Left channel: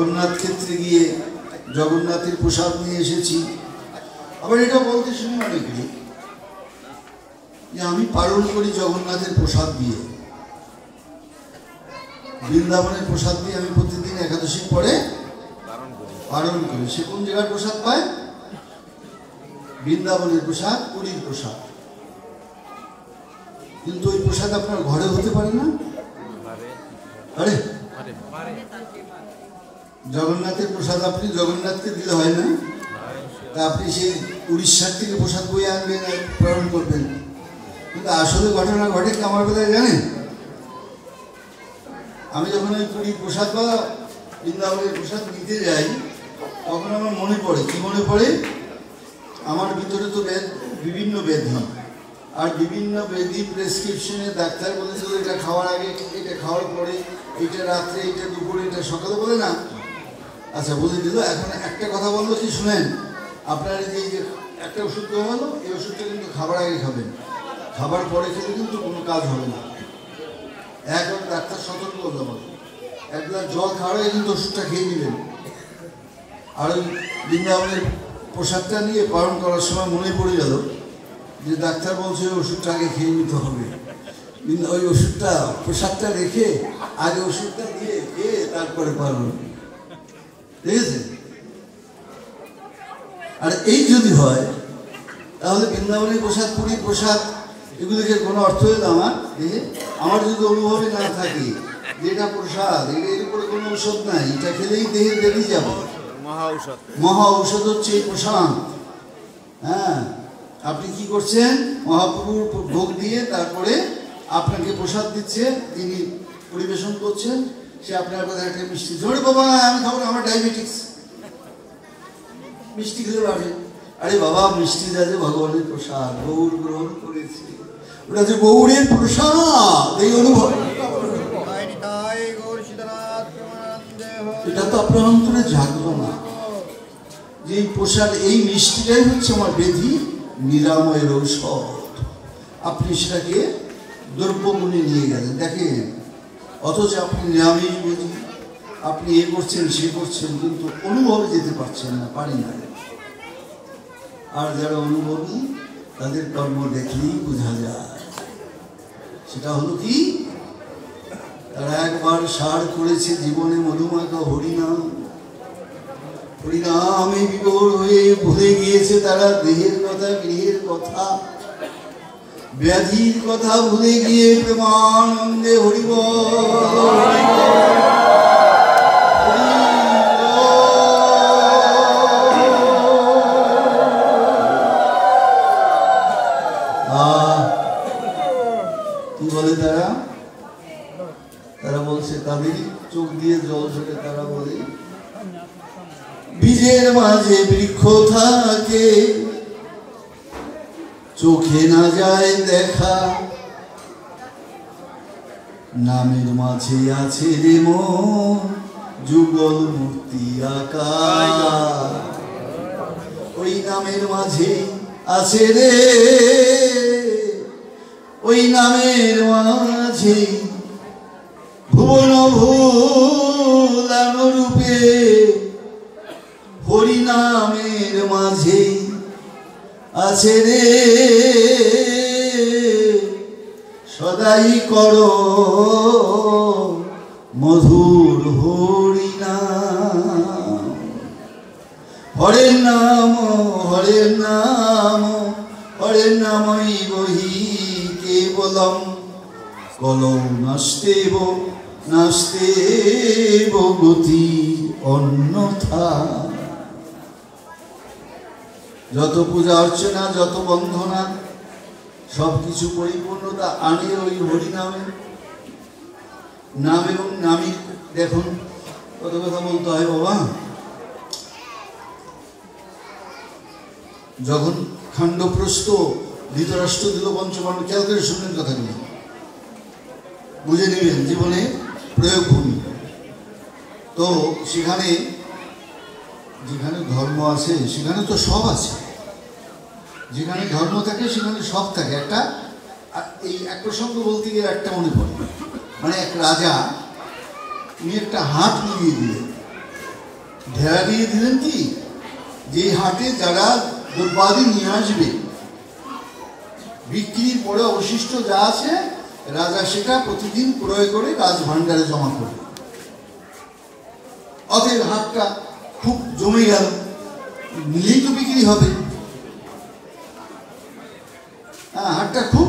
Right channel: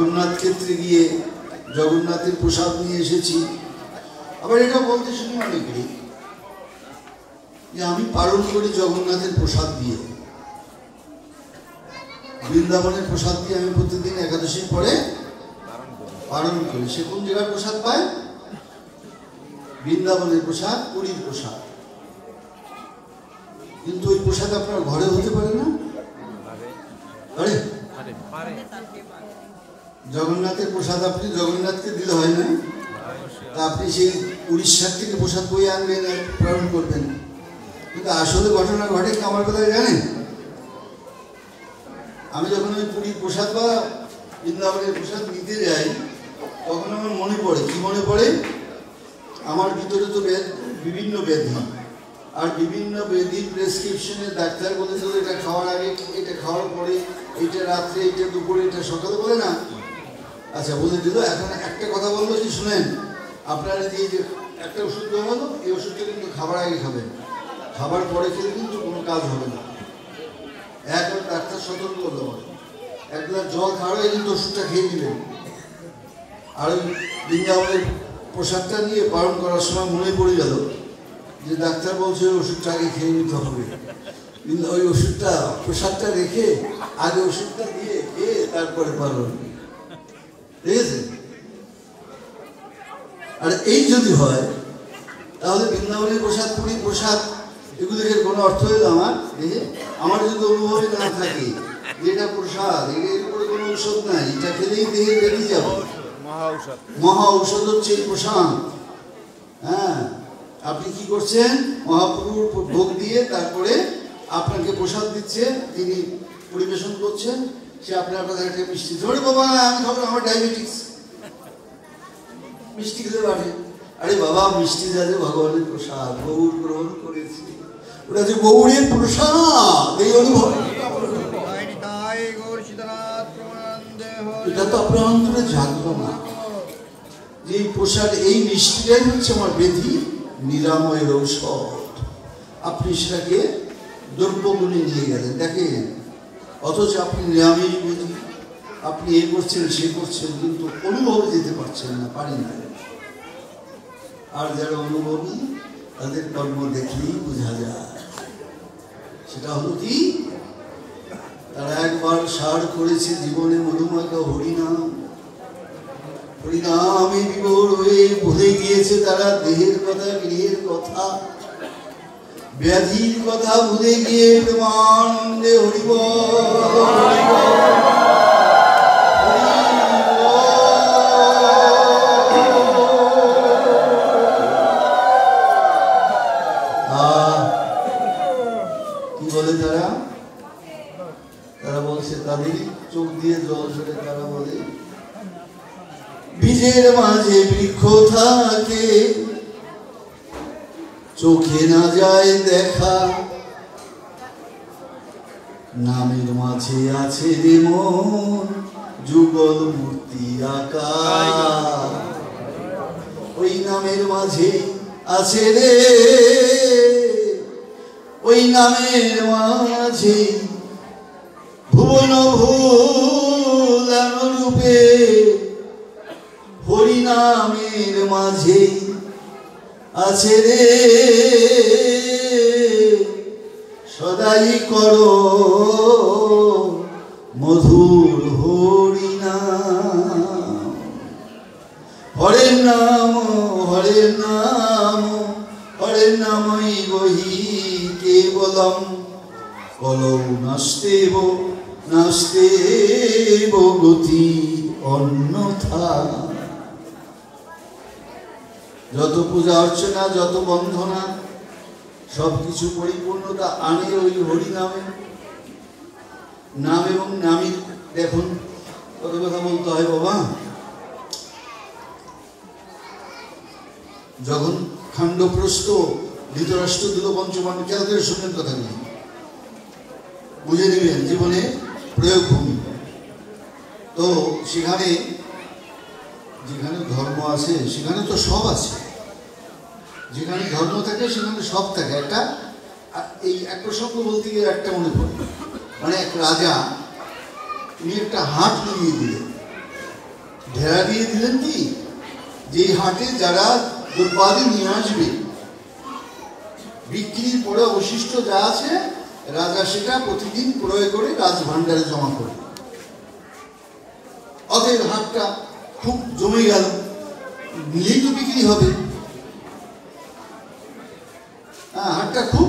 জগন্নাথ ক্ষেত্রে গিয়ে জগন্নাথের প্রসাদ নিয়ে এসেছি। আবার এটা বলতে শুনি অনেকেই যে আমি পালন করি জগন্নাথের প্রসাদ দিয়ে, বৃন্দাবনের প্রসাদ দিয়ে আমি প্রতিদিন একাদশীর পরে পালন করি। সে কোন জায়গার প্রসাদ পায়? বৃন্দাবনের প্রসাদ, পুরীর প্রসাদ। কিন্তু ওই প্রসাদ আপনার ঘরে হতে পারে না। আরে জগন্নাথের প্রসাদ আপনি জগন্নাথকে দিলে হয় না, তা আপনি সেই উড়িষ্যার থেকে প্রসাদ বয়ে আনবেন, প্রেরণ করবেন। কিন্তু আসলে ঘটনা ঘটে কি আমার কথা জানেন? আমি যখন ওই পুরীর প্রসাদ বা বৃন্দাবনের প্রসাদ নিতে যাই, তখন আমার মনে পড়ে, কি মনে পড়ে? আমার ভিতরে তো বিভিন্ন ব্যাধি, আর বিভিন্ন ব্যাধি প্রেসক্রিপশনে ডাক্তার বলেছিল এটা খাওয়ার আগে, এটা খাওয়ার পরে, এটা রাত্রে, এটা দুপুরে, এটা সকালে, বলে না? আচ্ছা, বলে দিল। এখন একটা কথা বললো যে শুনেন, আপনার এই যে একটা ওষুধ দেওয়া হলো, এই ওষুধটা কিন্তু খাবার আগে খাবেন, খাবার পরে খেলে কিন্তু কোনো কাজ হবে না। একবার ডাক্তার সতর্ক হলো, এক গ্লাস জল খাওয়ার আগে কিন্তু ওষুধটা খেয়ে দিলেন। আর ওই বৃন্দাবনের প্রসাদটা নিয়ে পালন করার সময় মনে পড়ে গেল যে ডাক্তার বলছে ওষুধটা আগে খেয়ে নিতে হবে, কিন্তু ওই ওষুধটা প্রসাদটা রেখে আগে ওষুধটা দিয়ে খেয়ে তারপরে পালন, ঠিক আছে? আর এই যদি হয় তাহলে বৃন্দাবনের প্রসাদ, পুরীর প্রসাদ, এগুলিকে কোনো অর্থ হইল আমার আমার যদি অনুভবই না থাকে যেটা প্রসাদ, এর উপরে কোনো ঔষধ নাই, এটা খেলেই দেহে বেরিয়ে যাবে। মহা ঔষধ হচ্ছে এই প্রসাদ। হ্যাঁ, আপনি কি করছেন? মহাপ্রভুর ভোগ দিয়ে তারপরে আপনাকে প্রসাদ দিচ্ছে, তিনি পরিবেশন করছেন, সে আপনার কথা একটা মিষ্টি ধরে, বাবা আমি খাবো, আমার ডায়াবেটিস, মিষ্টি খেলে বাড়ে। আরে বাবা, মিষ্টি যাতে ভগবানের প্রসাদ, গৌর গ্রহণ করেছি, ওটা যে গৌরের প্রসাদ, এই অনুভব, এটা তো আপনার অন্তরে জাগলো না যে এই প্রসাদ, এই মিষ্টিটাই হচ্ছে আমার ব্যাধি নিরাময়ের ঔষধ। আপনি সেটাকে দ্রব্যগুণে নিয়ে গেলেন, দেখেন, অথচ আপনি নিরামিষ ব্যাধি, আপনি এ করছেন সে করছেন, কিন্তু অনুভবে যেতে পারছেন না, পারেন না। আর যারা অনুভবী তাদের কর্ম দেখলেই বোঝা যায়। সেটা হলো কি? তারা একবার সার করেছে জীবনে মধুমাখা হরিনাম, হরিনামে বিভোর হয়ে ভুলে গিয়েছে তারা দেহের কথা, গৃহের কথা, ব্যাধির কথা ভুলে গিয়ে প্রেমানন্দে হরিবল কি বলে তারা? তারা বলছে, তাদেরই চোখ দিয়ে জল ঝরে, তারা বলে বীজের মাঝে বৃক্ষ থাকে, চোখে না যায় দেখা, নামের মাঝে আছে রে মন, যুগল মূর্তি আঁকা, ওই নামের মাঝে আছে রে, ওই নামের মাঝে ভুবন ভুলাম রূপে, হরিনামের মাঝে আছে রে সদাই করো মধুর হরিনাম। হরে নাম, হরে নাম, হরে নামই বহি কেবলম, কলৌ নাস্তেব নাস্তেব গতি অন্যথা। যত পূজা অর্চনা, যত বন্ধনা, সবকিছু পরিপূর্ণতা আনে ওই হরিনামে। নাম এবং নামী, দেখুন কত কথা বলতে হয় বাবা। যখন খান্ডপ্রস্থ ধৃতরাষ্ট্র দিল পঞ্চপাণ্ডব, খেয়াল করে শুনবেন কথাগুলি, বুঝে নেবেন জীবনে প্রয়োগ ভূমি। তো সেখানে যেখানে ধর্ম আছে সেখানে তো সব আছে, যেখানে ধর্ম থাকে সেখানে সব থাকে। একটা এই এক প্রসঙ্গ বলতে গিয়ে একটা মনে পড়ে, মানে এক রাজা, উনি একটা হাট মিলিয়ে দিলেন, ঢেরা দিয়ে দিলেন কি যে হাটে যারা দ্রব্যাদি নিয়ে আসবে বিক্রির পরে অবশিষ্ট যা আছে রাজা সেটা প্রতিদিন ক্রয় করে রাজভাণ্ডারে জমা করবে। অতএব হাটটা খুব জমে গেল, নিলেই তো বিক্রি হবে। হাটটা খুব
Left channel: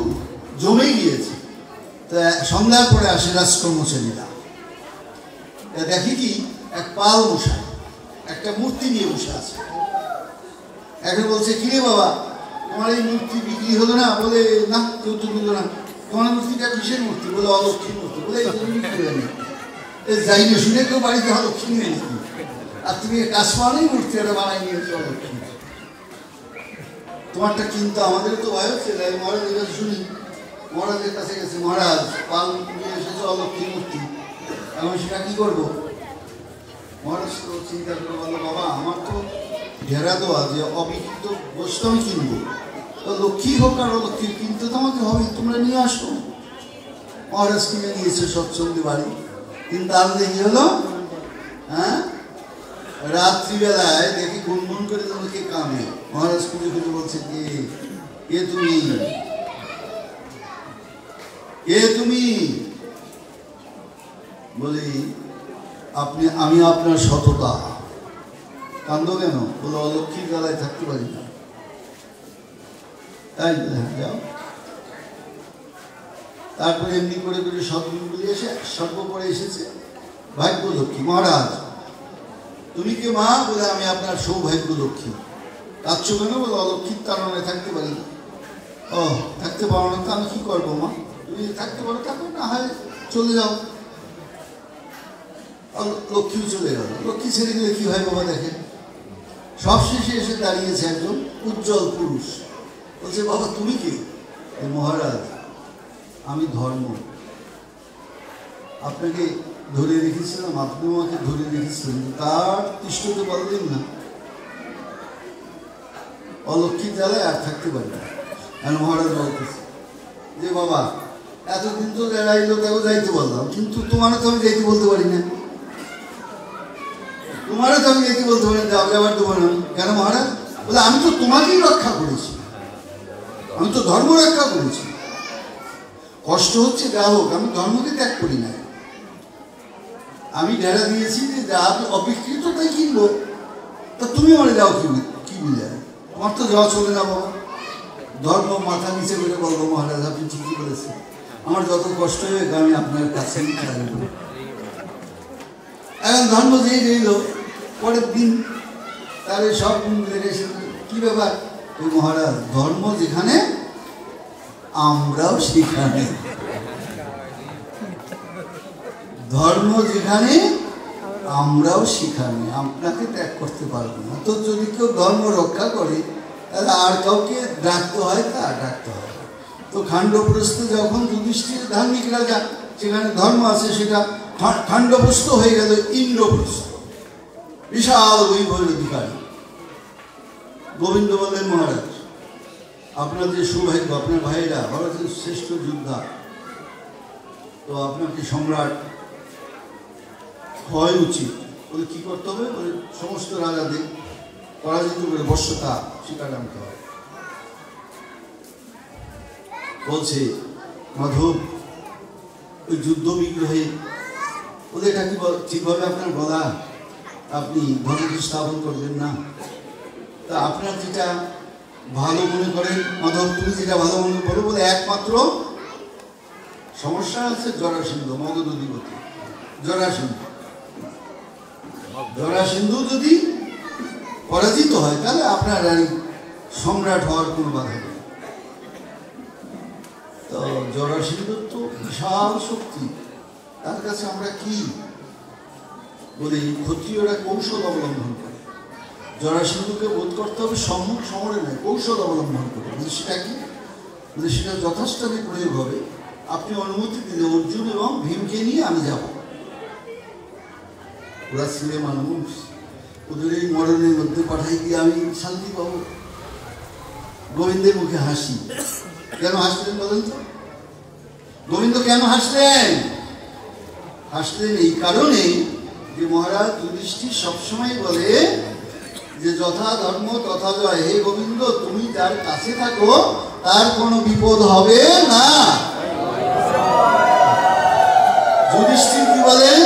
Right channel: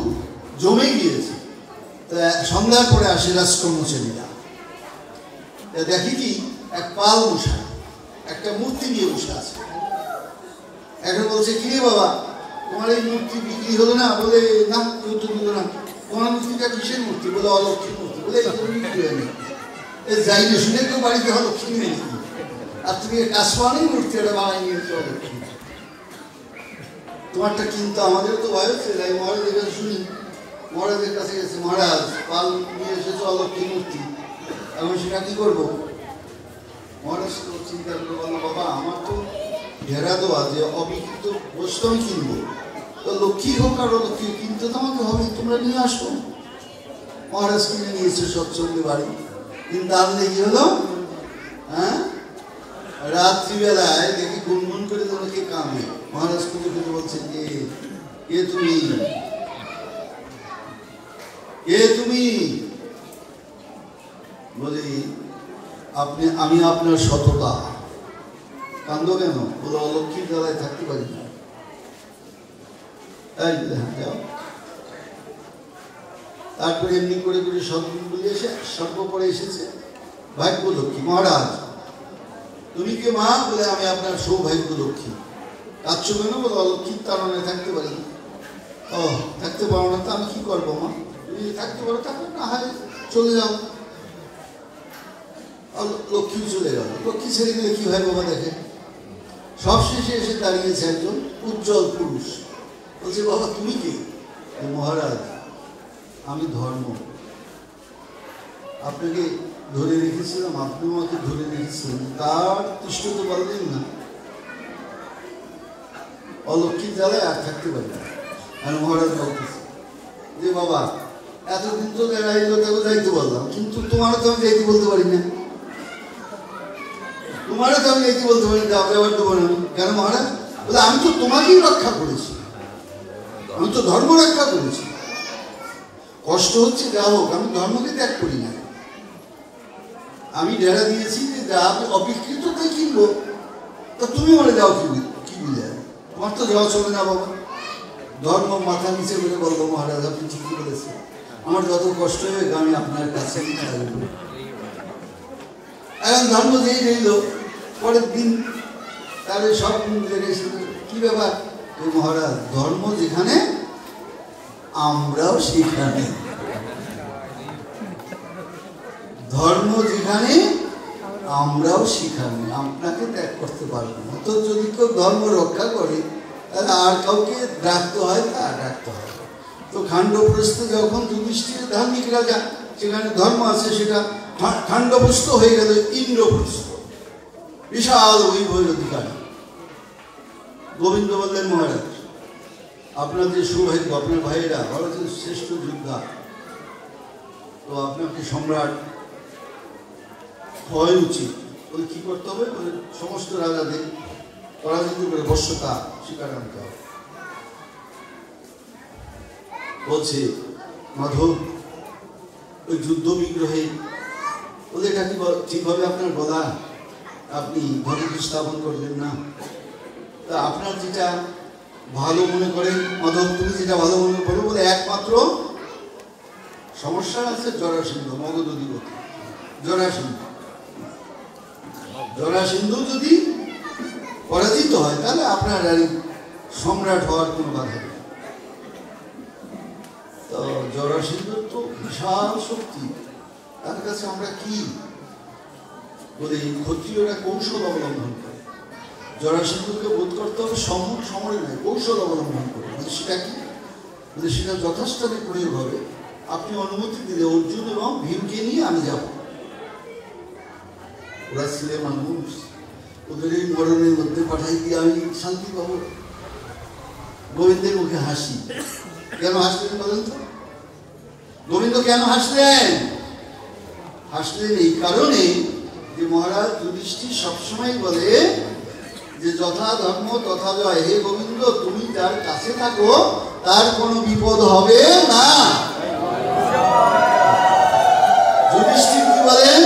জমে গিয়েছে। সন্ধ্যার পরে আসে রাজকর্মচারীরা, দেখি কি এক পাল বসা, একটা মূর্তি নিয়ে বসে আছে। এখন বলছে কিরে বাবা, তোমার এই মূর্তি বিক্রি হলো না? বলে না, কেউ তো নিল না। তোমার মূর্তিটা কিসের মূর্তি? বলে অলক্ষ্মীর মূর্তি। বলে যাই না শুনে কেউ বাড়িতে অলক্ষ্মী নেই, আর তুমি কাজ পাওয়াই মূর্তিটা বানাই নিয়েছো অলক্ষ্মী। তোমারটা কিন্তু আমাদের তো ভয় হচ্ছে। তাই মহারাজের কাছে শুনি, মহারাজের কাছে গেছে, মহারাজ পাল নিয়ে এসেছে অলক্ষ্মী মূর্তি, এখন সেটা কি করবো? মহারাজ তো চিন্তা করে বললো, বাবা আমার তো ঢেরা দেওয়া যে অবিকৃত বস্তু আমি কিনবো, তো লক্ষ্মী হোক আর অলক্ষ্মী কিনতে তোমাকে হবে, তোমরা নিয়ে আসো। মহারাজ কিনে নিয়েছে সৎসঙ্গে বাড়ি, কিন্তু আজ দেখি হলো রাত্রিবেলায় দেখি গুনগুন করে তোমাকে কাঁদে। মহারাজ খুঁজে খুঁজে বলছে, কে তুমি, কে তুমি? বলি আমি আপনার সততা। কান্দো কেন? বলে অলক্ষ্মীর বেলায় থাকতে পারি না। তাই যাও। তারপরে এমনি করে করে সদ্গুণগুলি এসে সর্বপরে এসেছে ভাগ্য লক্ষ্মী। মহারাজ তুমি কি মা? বলে আমি আপনার সৌভাগ্য লক্ষ্মী। কাঁদছ কেন? বলে অলক্ষ্মীর তারণে থাকতে পারি। ও থাকতে পারো না তো আমি কি করবো মা? তুমি থাকতে পারো, তারপর না হয় চলে যাও। লক্ষ্মী চলে গেল। লক্ষ্মী ছেড়ে গেলে কি হয় বাবা? দেখে সবশেষে এসে দাঁড়িয়েছে একজন উজ্জ্বল পুরুষ। বলছে, বাবা তুমি কি? মহারাজ আমি ধর্ম। আপনাকে ধরে রেখেছিলাম, আপনি আমাকে ধরে রেখেছিলেন, তার তিষ্ঠতে পারলেন না। অলক্ষ্মীর জ্বালায় আর থাকতে পারবে না। আর মহারাজ বলতেছে যে বাবা এতদিন তো এড়াইলো, তাকে যাইতে বললাম, কিন্তু তোমারও তো আমি যাইতে বলতে পারি না। তোমারও তো আমি যাইতে বলতে পারি না, আপনি আবার দেবো না। কেন মহারাজ? বলে আমি তো তোমাকেই রক্ষা করেছি, আমি তো ধর্ম রক্ষা করেছি। কষ্ট হচ্ছে যা হোক, আমি ধর্মকে ত্যাগ করি না। আমি ডেরা দিয়েছি যে যা অবিকৃত তাই কিনবো, তা তুমি আমার যাও কি বুঝে? তোমার তো যাওয়া চলে না বাবা। ধর্ম মাথা নিচে করে বলবো, মহারাজ আপনি ঠিকই বলেছেন, আমার যত কষ্ট হয়ে আমি আপনার কাছে থাকবো। এখন ধর্ম যেই রইল, পরের দিন তাহলে সব লেগে কি ব্যাপার? মহারাজ ধর্ম যেখানে আমরাও সেখানে, ধর্ম যেখানে আমরাও সেখানে, আপনাকে ত্যাগ করতে পারবো না। তো যদি কেউ ধর্ম রক্ষা করে তাহলে আর কাউকে ডাকতে হয়, তা ডাকতে হয়। তো খাণ্ডবপ্রস্থ যখন যুধিষ্ঠির ধার্মিক রাজা, সেখানে ধর্ম আছে, সেটা খাণ্ডবপ্রস্থ হয়ে গেল ইন্দ্রপ্রস্থ, বিশাল বৈভবের অধিকারী। গোবিন্দ বললেন, মহারাজ আপনার যে সৌভাগ্য, আপনার ভাইয়েরা ভারতের শ্রেষ্ঠ যোদ্ধা, তো আপনাকে সম্রাট হওয়াই উচিত। বলে কি করতে হবে? সমস্ত রাজাদের পরাজিত করে বর্ষতা স্বীকার আনতে হবে। বলছে মাধব ওই যুদ্ধ বিগ্রহে, বলে এটা কি ঠিকভাবে আপনার বলা, আপনি ভগবত স্থাপন করবেন না, তা আপনার যেটা ভালো মনে করেন মাধব, তুমি যেটা ভালো মনে করো। বলে একমাত্র সমস্যা আছে জরাসিন্ধু, মগধ অধিপতি জরাসিন্ধু। জরাসিন্ধু যদি পরাজিত হয় তাহলে আপনার আর সম্রাট হওয়ার কোনো বাধা নেই। তো জরাসিন্ধু তো বিশাল শক্তি, তার কাছে আমরা কি? বলে ক্ষত্রিয়রা কৌশল অবলম্বন করে। জরাসিন্ধুকে বোধ করতে হবে সম্মুখ সমরে নয়, কৌশল অবলম্বন করে। বলে সেটা কি? বলে সেটা যথাস্থানে প্রয়োগ হবে। আপনি অনুমতি দিলে অর্জুন এবং ভীমকে নিয়ে আমি যাব। ওরা ছেলে মানুষ, ওদের এই মরণের মধ্যে পাঠাই দিয়ে আমি শান্তি পাবো। গোবিন্দের মুখে হাসি। কেন হাসলেন বলেন তো? গোবিন্দ কেন হাসলেন? হাসলেন এই কারণে যে মহারাজ যুধিষ্ঠির সবসময় বলে যে যথা ধর্ম তথা জয়, হে গোবিন্দ তুমি যার কাছে থাকো তার কোনো বিপদ হবে না। যুধিষ্ঠির কি বলেন,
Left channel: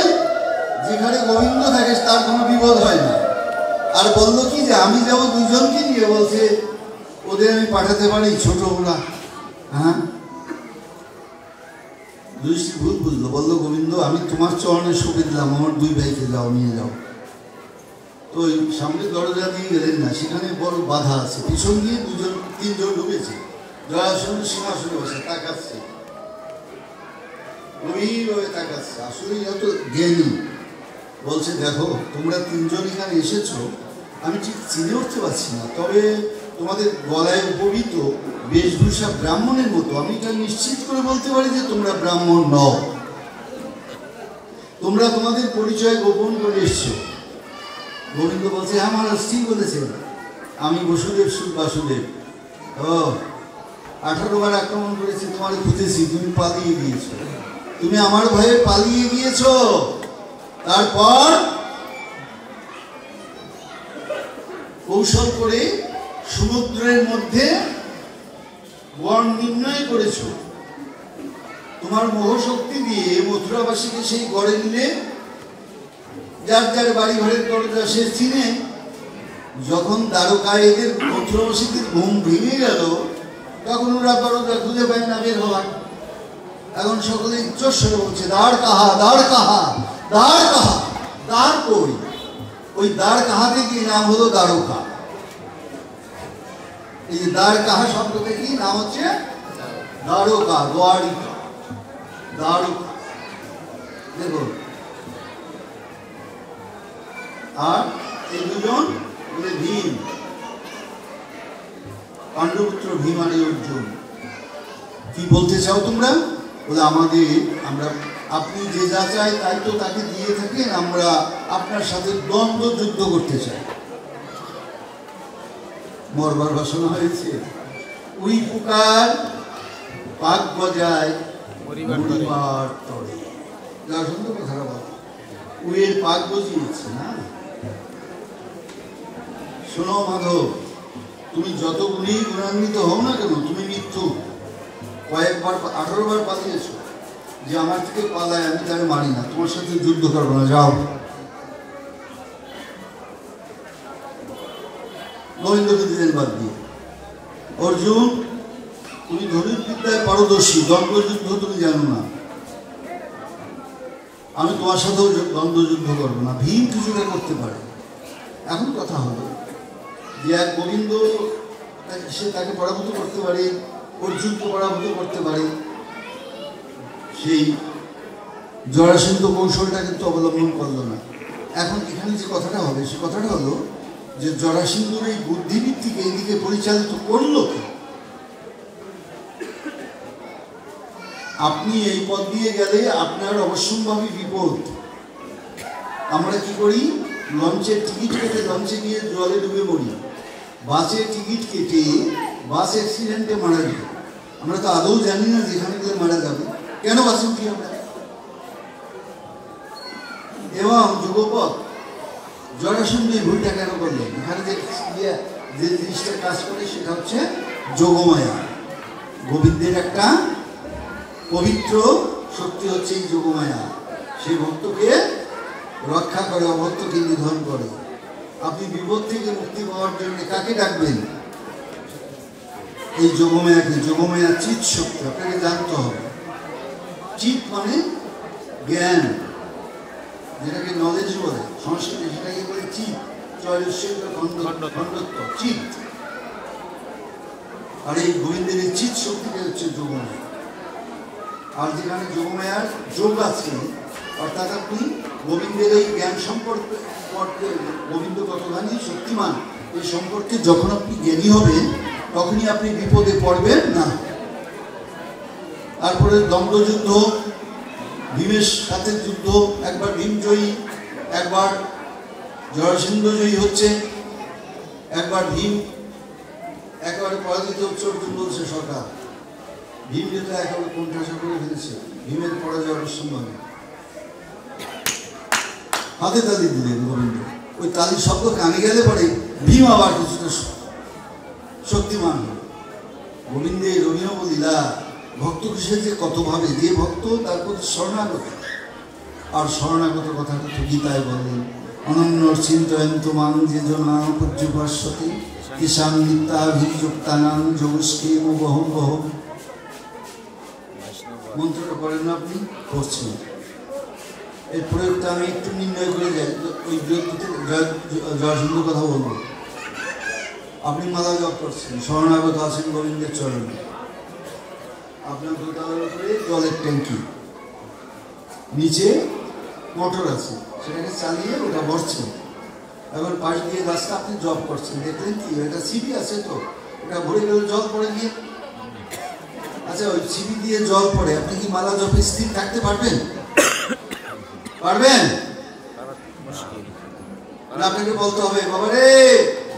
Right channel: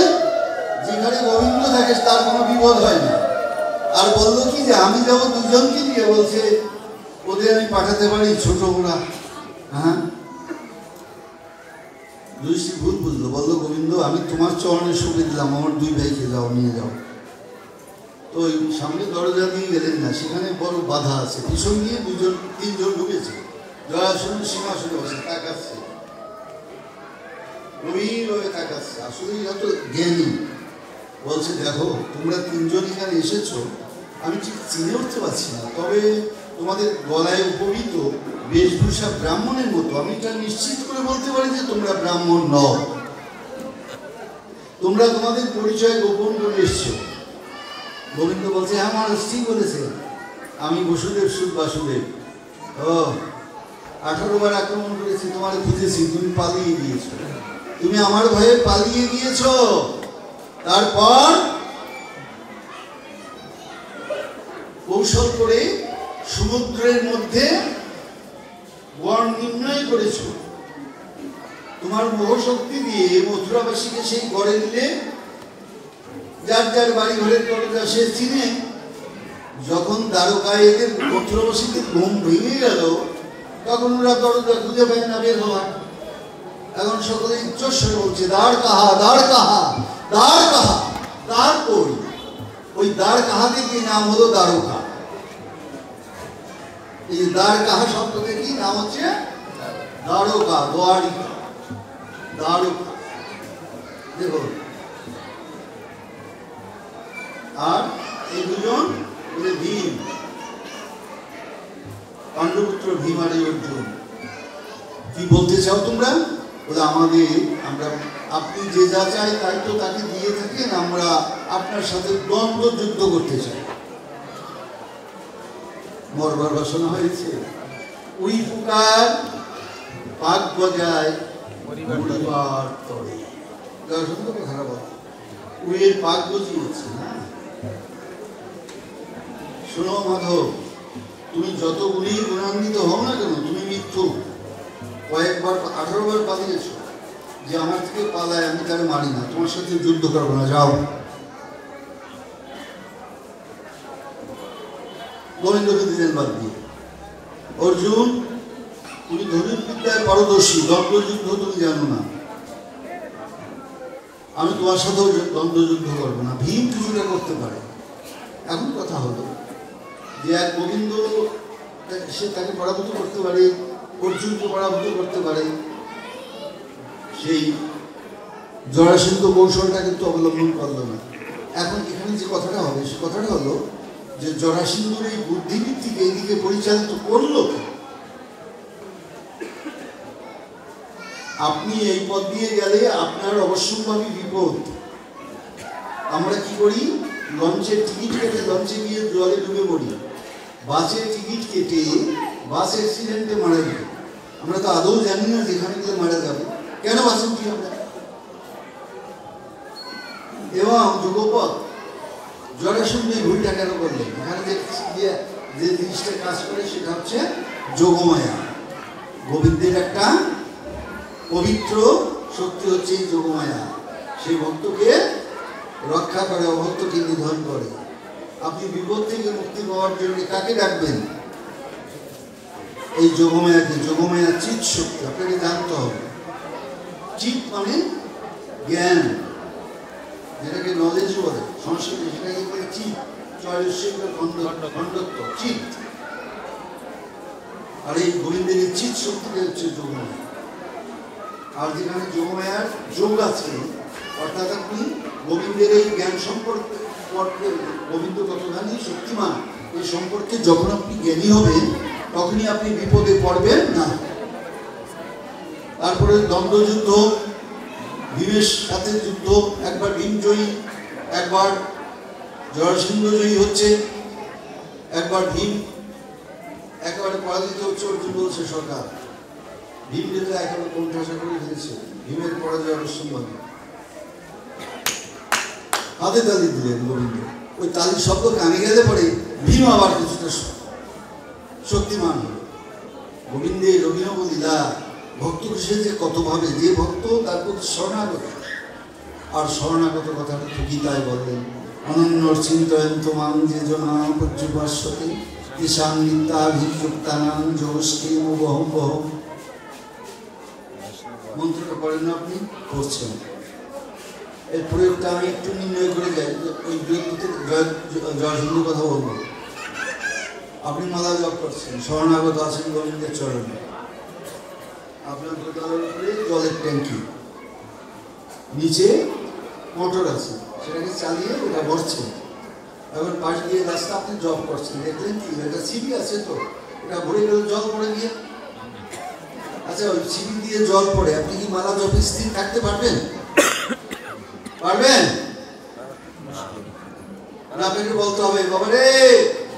যেখানে গোবিন্দ থাকে তার কোনো বিপদ হয় না। আর বললো কি যে আমি যাবো দুজনকে নিয়ে, বলছে ওদের আমি পাঠাতে পারি ছোট ওরা। হ্যাঁ, যুধিষ্ঠির ভুল বুঝলো, বললো গোবিন্দ আমি তোমার চরণে সঁপে দিলাম, আমার দুই ভাইকে যাও নিয়ে যাও। তো ওই সামনে দরজা দিয়ে গেলেন না, সেখানে বড় বাধা আছে, পিছন গিয়ে তিনজন ঢুকেছে, জরাসন্ধ সিংহাসনে বসে তাকাচ্ছে, গভীরভাবে তাকাচ্ছে, আসলেই যত জ্ঞানী। বলছে দেখো তোমরা তিনজন এখানে এসেছো, আমি ঠিক চিনে উঠতে পারছি না, তবে তোমাদের গলায় উপবিত বেশভূষা ব্রাহ্মণের মতো, আমি এটা নিশ্চিত করে বলতে পারি যে তোমরা ব্রাহ্মণ নও, তোমরা তোমাদের পরিচয় গোপন করে এসছো। গোবিন্দ বলছে হ্যাঁ মহারাজ ঠিক বলেছে, আমি বসুদেব সুত বাসুদেব। ও 18 বার আক্রমণ করেছি, তোমার খুঁজেছি, তুমি পালিয়ে গিয়েছো, তুমি আমার ভয়ে পালিয়ে গিয়েছো। তারপর কৌশল করে সমুদ্রের মধ্যে গড় নির্ণয় করেছ, তোমার মোহশক্তি দিয়ে মথুরাবাসীকে সেই গড়ে দিলে, যার যার বাড়ি ঘরের দরজা সে চিনে। যখন দ্বারকায় এদের মথুরাবাসীকে ঘুম ভেঙে গেল, তখন ওরা দরজা খুঁজে পায় না বের হওয়ার। এখন সকলে উচ্চস্বরে বলছে দ্বার কাহা, দ্বার কাহা, দ্বার কাহা, দ্বার কই? ওই দ্বার কাহা থেকে নাম হলো দ্বারকা। এই দ্বার কাহা শব্দ থেকে নাম হচ্ছে দ্বারকা, দ্বারিকা, দ্বারকা। দেখো, আর এই দুজন বলে ভীম, পাণ্ডবপুত্র ভীম আর অর্জুন। কি বলতে চাও তোমরা? বলে আমরা আপনি যে যা চাই তাই তো তাকে দিয়ে থাকেন, আমরা আপনার সাথে দ্বন্দ্ব যুদ্ধ করতে চাই। মরবার বাসনা হয়েছে, ওই পুকার পাক বজায় পরিবার তবে। দর্শক কথা বল, ওই পাক বুঝিয়েছে না। শোনো মাধব, তুমি যত গুণান্বিত হও না কেন, তুমি মৃত্যু কয়েকবার 18 বার পালিয়েছ, যে আমার থেকে পালায় আমি তাকে মারি না, তোমার সাথে যুদ্ধ করবো না, যাও। গোবিন্দকে দিলেন বাদ দিয়ে। অর্জুন তুমি ধনুর্বিদ্যায় পারদর্শী, দ্বন্দ্বযুদ্ধ তুমি জানো না, আমি তোমার সাথেও দ্বন্দ্বযুদ্ধ করবো না। ভীম কিছুটা করতে পারে। এখন কথা হলো যে এক গোবিন্দ সে তাকে পরাভূত করতে পারে, অর্জুনকে পরাভূত করতে পারে, সেই জরাসন্ধ কৌশলটা কিন্তু অবলম্বন করলো না। এখন এখানে যে কথাটা হবে সে কথাটা হলো যে জরাসন্ধর এই বুদ্ধিভিত্তিকে এইদিকে পরিচালিত করলো। আপনি এই পথ দিয়ে গেলে আপনার অবশ্যম্ভাবী বিপদ। আমরা কি করি, লঞ্চের টিকিট কেটে লঞ্চে গিয়ে জলে ডুবে পড়ি, বাসের টিকিট কেটে বাস অ্যাক্সিডেন্টে মারা যাই। আমরা তো আদৌ জানি না যেখানে গিয়ে মারা যাবে, কেন বাসে উঠি আমরা। এবং যোগপথ জরাসন্ধ ভুলটা কেন করলেন? এখানে যে জিনিসটা কাজ করে সেটা হচ্ছে যোগমায়া। গোবিন্দের একটা পবিত্র শক্তি হচ্ছে এই যোগমায়া, সেই ভক্তকে রক্ষা করে, অভক্তকে নিধন করে। আপনি বিপদ থেকে মুক্তি পাওয়ার জন্য কাকে ডাকবেন? এই যোগমায়াকে। যোগমায়া চিৎ শক্তি, আপনাকে জানতে হবে। চিৎ মানে জ্ঞান, যেটাকে নলেজ বলে সংস্কৃতে, সেটাকে বলে চিৎ, খণ্ডত্ব, চিৎ। আর এই গোবিন্দের এই চিৎ শক্তিটা হচ্ছে যোগমায়া। আর যেখানে যোগমায়ার যোগ আছে, অর্থাৎ আপনি গোবিন্দের এই জ্ঞান সম্পর্কে, গোবিন্দ কতখানি শক্তিমান এই সম্পর্কে যখন আপনি জ্ঞানী হবেন, তখনই আপনি বিপদে পড়বেন না। তারপরে দ্বন্দ্বযুদ্ধ, ভীমের সাথে যুদ্ধ, একবার ভীম জয়ী, একবার জরাসন্ধ জয়ী হচ্ছে, একবার ভীম একেবারে পরাজিত হচ্ছে। অর্জুন বলছে সরকার, ভীম কিন্তু একেবারে কোণঠাসা করে ফেলেছে, ভীমের পরাজয় অবশ্যম্ভাবী। হাতে তালি দিলেন গোবিন্দ। ওই তালির শব্দ কানে গেলে পরে ভীম আবার কিছুটা শক্তিমান হল। গোবিন্দের অভিনব লীলা ভক্ত খুশি যে কত ভাবে, যে ভক্ত তার প্রতি শরণাগত। আর শরণাগত কথাটা তো গীতায় বললেন, অনন্য চিন্তয়ন্ত মান যে জনাপর্যুপাস্যতে ঈশান নিত্যাভিযুক্তানাং যোগস্কেম বহম বহম। মন্ত্রটা করেন না আপনি, করছেন। এর প্রয়োগটা আমি একটু নির্ণয় করে যাই। ওই জয়সিন্ধু কথা বলবো। আপনি মালা জপ করছেন, শরণাগত আছেন গোবিন্দের চরণে। আপনার দোতলার উপরে জলের ট্যাঙ্কি, নিচে মোটর আছে, সেটাকে চালিয়ে ওটা ভরছে। এখন পাশ দিয়ে রাস্তা আপনি জব করছেন, দেখলেন কি একটা সিঁড়ি আছে, তো এটা ভরে গেলে জল পড়ে গিয়ে। আচ্ছা, ওই সিঁড়ি দিয়ে জল পড়ে, আপনি কি মালা জপে স্থির থাকতে পারবেন? পারবেন? আপনাকে বলতে হবে, বাবা রে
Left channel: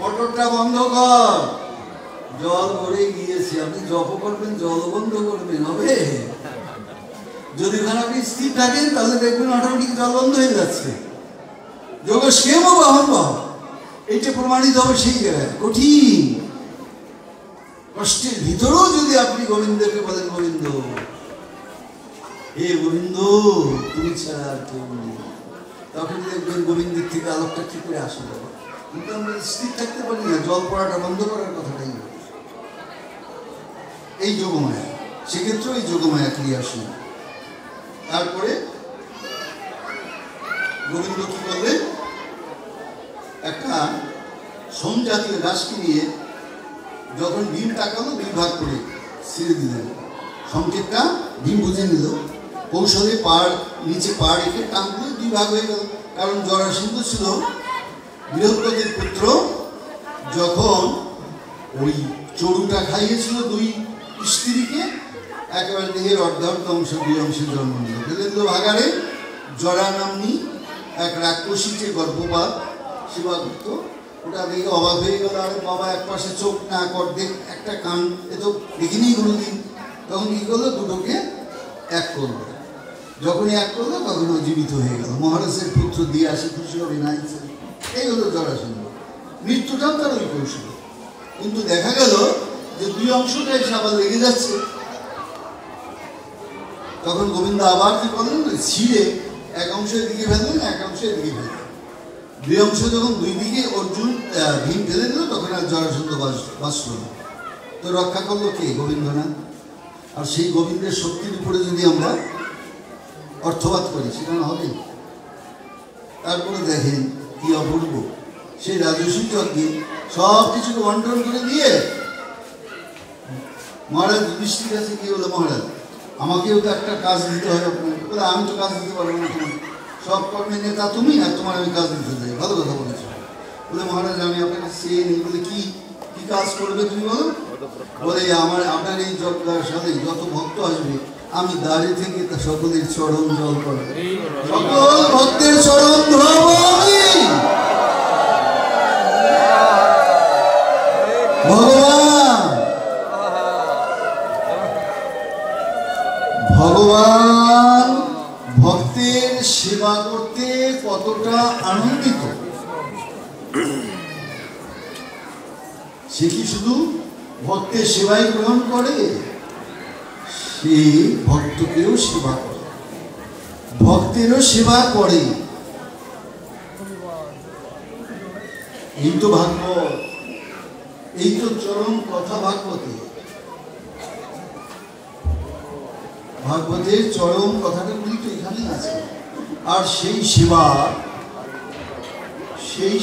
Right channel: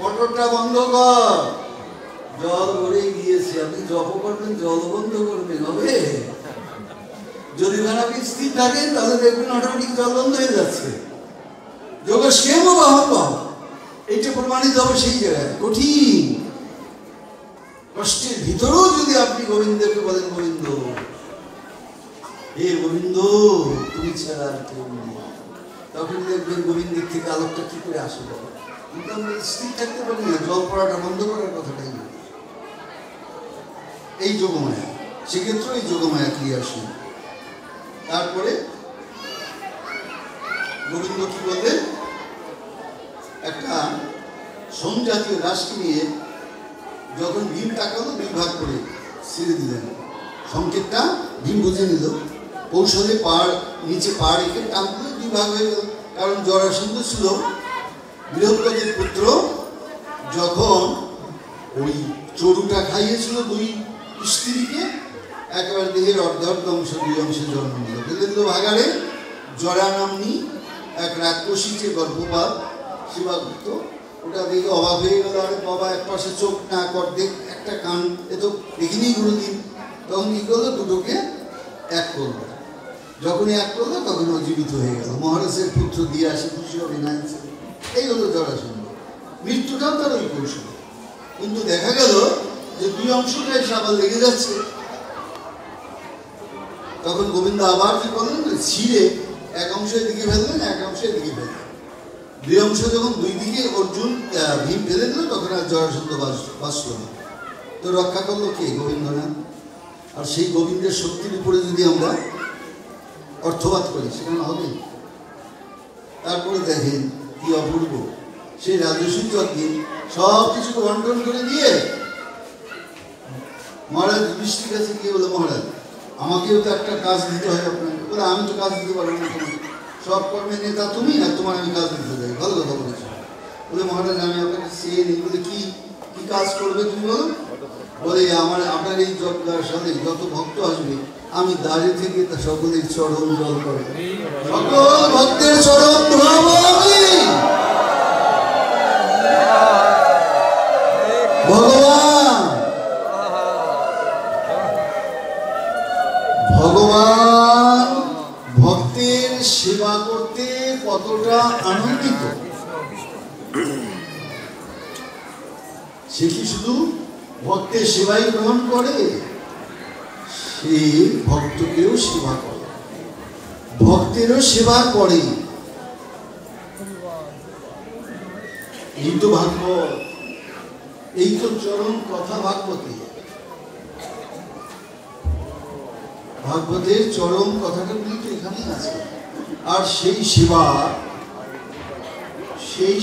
মোটরটা বন্ধ কর, জল ভরে গিয়েছে। আপনি জপ করবেন, জল বন্ধ করবেন, হবে? যদি আপনি স্থির থাকেন তাহলে দেখবেন অটোমেটিক জল বন্ধ হয়ে যাচ্ছে। যোগের সেম বহন, এইটা প্রমাণিত হবে সেই জায়গায়। কঠিন কষ্টের ভিতরেও যদি আপনি গোবিন্দকে বলেন, গোবিন্দ হে গোবিন্দ তুমি ছাড়া কেউ নেই, তখন দেখবেন গোবিন্দের থেকে আলোকটা কি করে আসবে। কিন্তু আমরা স্থির থাকতে পারি না, জল পড়াটা বন্ধ করার কথাটাই এই যোগমায়া। সেক্ষেত্রে এই যোগমায়া ক্রিয়াশীল। তারপরে গোবিন্দ কি বললেন, একটা সোম জাতীয় দাসকে নিয়ে যখন ভীম তাকালো, দুই ভাগ করে ছেড়ে দিলেন। সংকেতটা ভীম বুঝে নিল, কৌশলে পাড় নিচে পা রেখে টান দিলে দুই ভাগ হয়ে গেল। কারণ জরাসন্ধ ছিল বৃহস্পতির পুত্র, যখন ওই চড়ুটা খাইয়েছিল দুই স্ত্রীকে, একেবারে দেহের অর্ধার্ধ অংশ দুই অংশে জন্ম নিল। বীরেন্দ্র ভাগারে জরা নামনি এক রাক্ষসী যে গর্ভপাত শিবাগুপ্ত, ওটা দেখে অবাক হয়ে গেল। আর বাবা এক পাশে চোখ, নাক অর্ধেক, একটা কান, এ তো দেখিনি কোনোদিন। তখন কি করলো, দুটোকে এক করলো। যখনই এক করলো তখন ও জীবিত হয়ে গেল। মহারাজের পুত্র দিয়ে আসে খুশি হবে না। এই হলো জরাসন্ধ। মৃত্যুটাও তার ওই কৌশল। কিন্তু দেখা গেল যে দুই অংশটা এসে আবার লেগে যাচ্ছে। তখন গোবিন্দ আবার কি করলেন, ছিঁড়ে এক অংশ এদিকে ফেললেন, এক অংশ এদিকে ফেললেন। দুই অংশ যখন দুই দিকে অর্জুন ভীম ফেলে দিল, তখন আর জরাসন্ধ বাঁচল না। তো রক্ষা করলো কে? গোবিন্দ না? আর সেই গোবিন্দের শক্তির উপরে যদি আমরা অর্থপাত করি, সেটা হবে? তারপরে দেখেন কি অপূর্ব, সেই রাজস্বী যজ্ঞে সব কিছু বন্টন করে দিয়ে মহারাজ যুধিষ্ঠির কাছে গিয়ে বলো, মহারাজ আমাকেও তো একটা কাজ দিতে হবে। বলে আমি তো কাজ দিতে পারবো না, সব কর্মের নেতা তুমি, আর তোমার আমি কাজ দিতে চাই। ভালো কথা বলেছো। বলে মহারাজ আমি আপনাকে চেয়ে নিই। বলে কি কি কাজ করবে তুমি বলো? বলে আপনার এই যজ্ঞের সাথে যত ভক্ত আসবে, আমি দাঁড়িয়ে থেকে সকলের চরণ জল করবো, সকল ভক্তের চরণ ধরাবো আমি। ভগবান ভক্তের সেবা করতে কতটা আনন্দিত, সে কি শুধু ভক্তের সেবাই গ্রহণ করে, সে ভক্তকেও সেবা করে, ভক্তেরও সেবা করে। এই তো ভাগবত, এই তো চরম কথা ভাগবতে। ভাগবতের চরম কথাটা তো এখানে আছে। আর সেই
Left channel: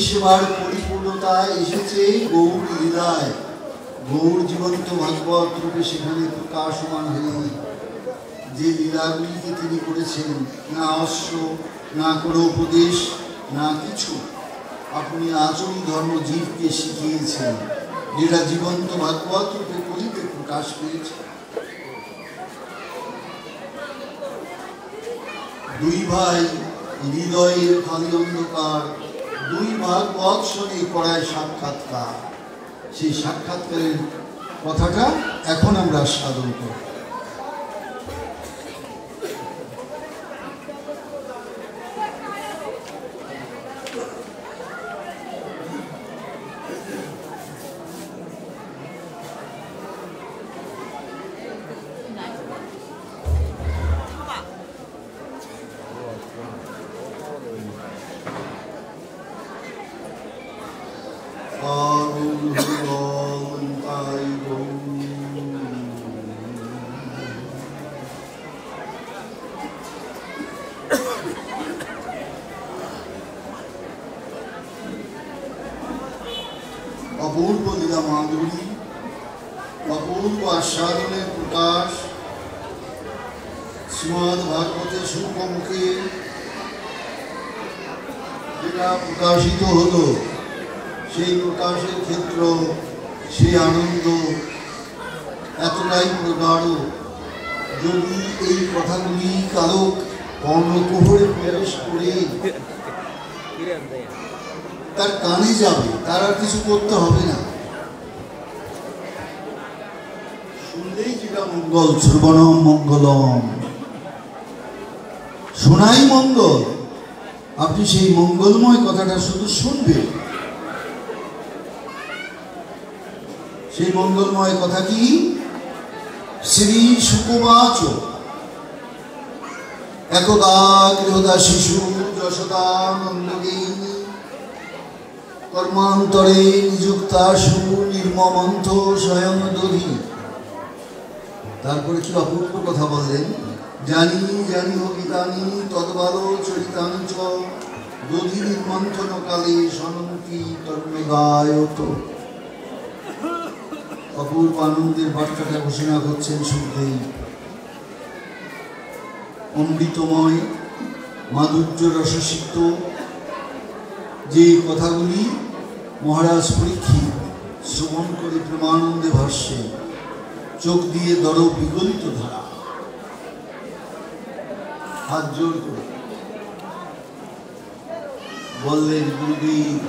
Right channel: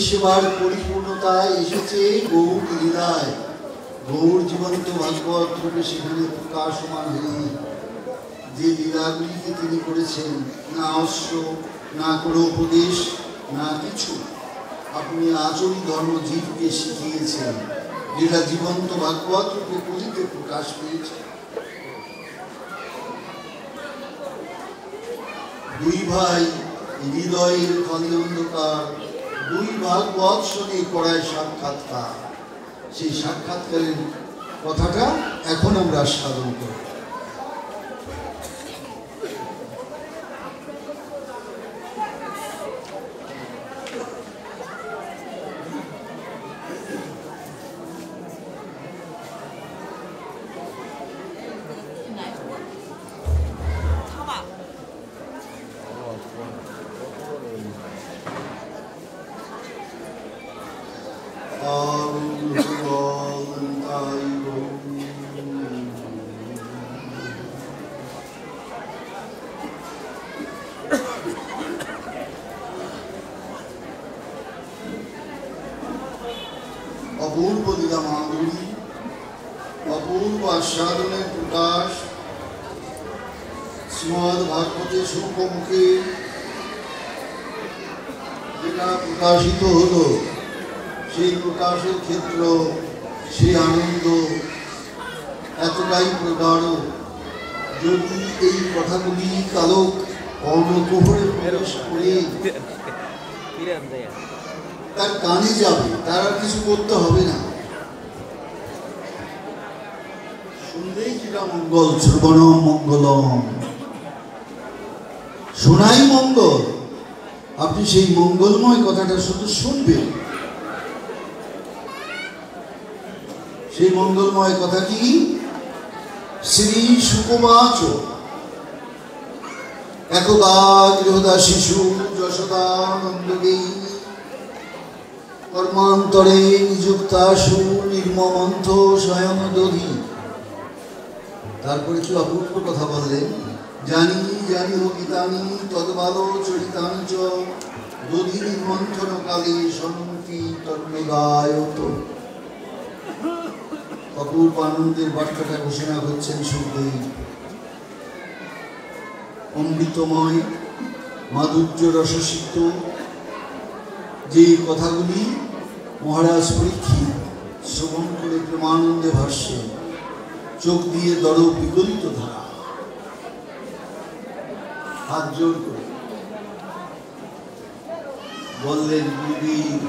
সেবার পরিপূর্ণতায় এসেছে গৌর লীলায়। গৌর জীবন্ত ভাগবত রূপে সেখানে প্রকাশমান হয়নি। যে লীলাগুলিকে তিনি করেছেন, না অশ্ব, না কোনো উপদেশ, না কিছু, আপনি আচরণ ধর্ম জীবকে শিখিয়েছেন, যেটা জীবন্ত ভাগবত রূপে কলিতে প্রকাশ পেয়েছে। দুই ভাই হৃদয়ের খালি অন্ধকার, দুই ভাগবত শোনে পড়ায় সাক্ষাৎকার। সেই সাক্ষাৎকারের কথাটা এখন আমরা সাধন করি। অপূর্ব লীলা মাধুরী, অপূর্ব আস্বাদনের প্রকাশ শ্রীমদ্ ভাগবতের শুভমুখে যেটা প্রকাশিত হলো, সেই প্রকাশের ক্ষেত্র, সেই আনন্দ এতটাই প্রগাঢ়। যদি এই কথাগুলি কালো কর্ণকুহরে প্রবেশ করে তার কানে যাবে, তার আর কিছু করতে হবে না, শুনলেই যেটা মঙ্গল, শ্রবণম মঙ্গলম, শোনাই মঙ্গল। আপনি সেই মঙ্গলময় কথাটা শুধু শুনবেন। সেই মঙ্গলময় কথা কি? শ্রী শুকবাচ একদা গৃহদা শিশু যশোদানন্দকে কর্মান্তরে নিযুক্তাশু নির্মমন্থ স্বয়ং দধি। তারপরে কি অপূর্ব কথা বললেন, জানি জানি ও গীতানি তদ্বাদ চরিতানি চ দধি নির্মন্থন কালে সনন্তি তন্নদায়ত। অপূর্ব আনন্দের বার্তাটা ঘোষণা করছেন সুখদেব। অমৃতময় মাধুর্য রসসিক্ত যে কথাগুলি মহারাজ পরীক্ষিত শ্রবণ করে প্রেমানন্দে ভাসছে, চোখ দিয়ে দর বিগলিত ধারা, হাত জোর করে বললেন, গুরুদেব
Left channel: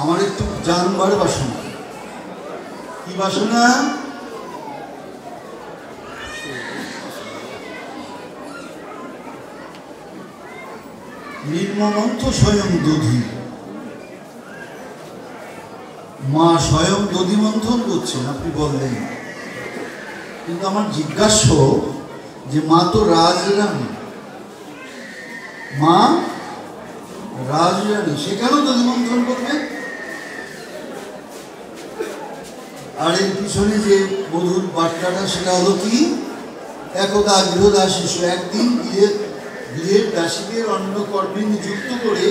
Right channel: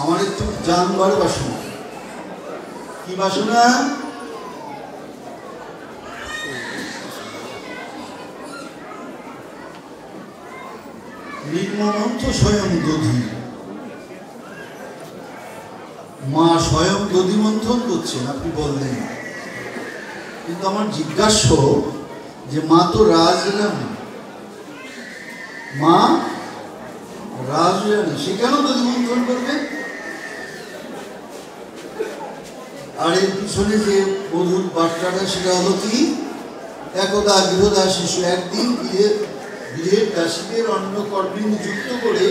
আমার একটু জানবার বাসনা। কি বাসনা? নির্মমন্থ স্বয়ং দধি। মা স্বয়ং দধি মন্থন করছেন, আপনি বললেন। কিন্তু আমার জিজ্ঞাসা যে মা তো রাজরানী, মা রাজরানী, সে কেন দধি মন্থন করবে? আর এর পিছনে যে মধুর বার্তাটা, সেটা হলো কি? একদা গৃহদা শিশু, একদিন গৃহের দাসীদের অন্য কর্মে নিযুক্ত করে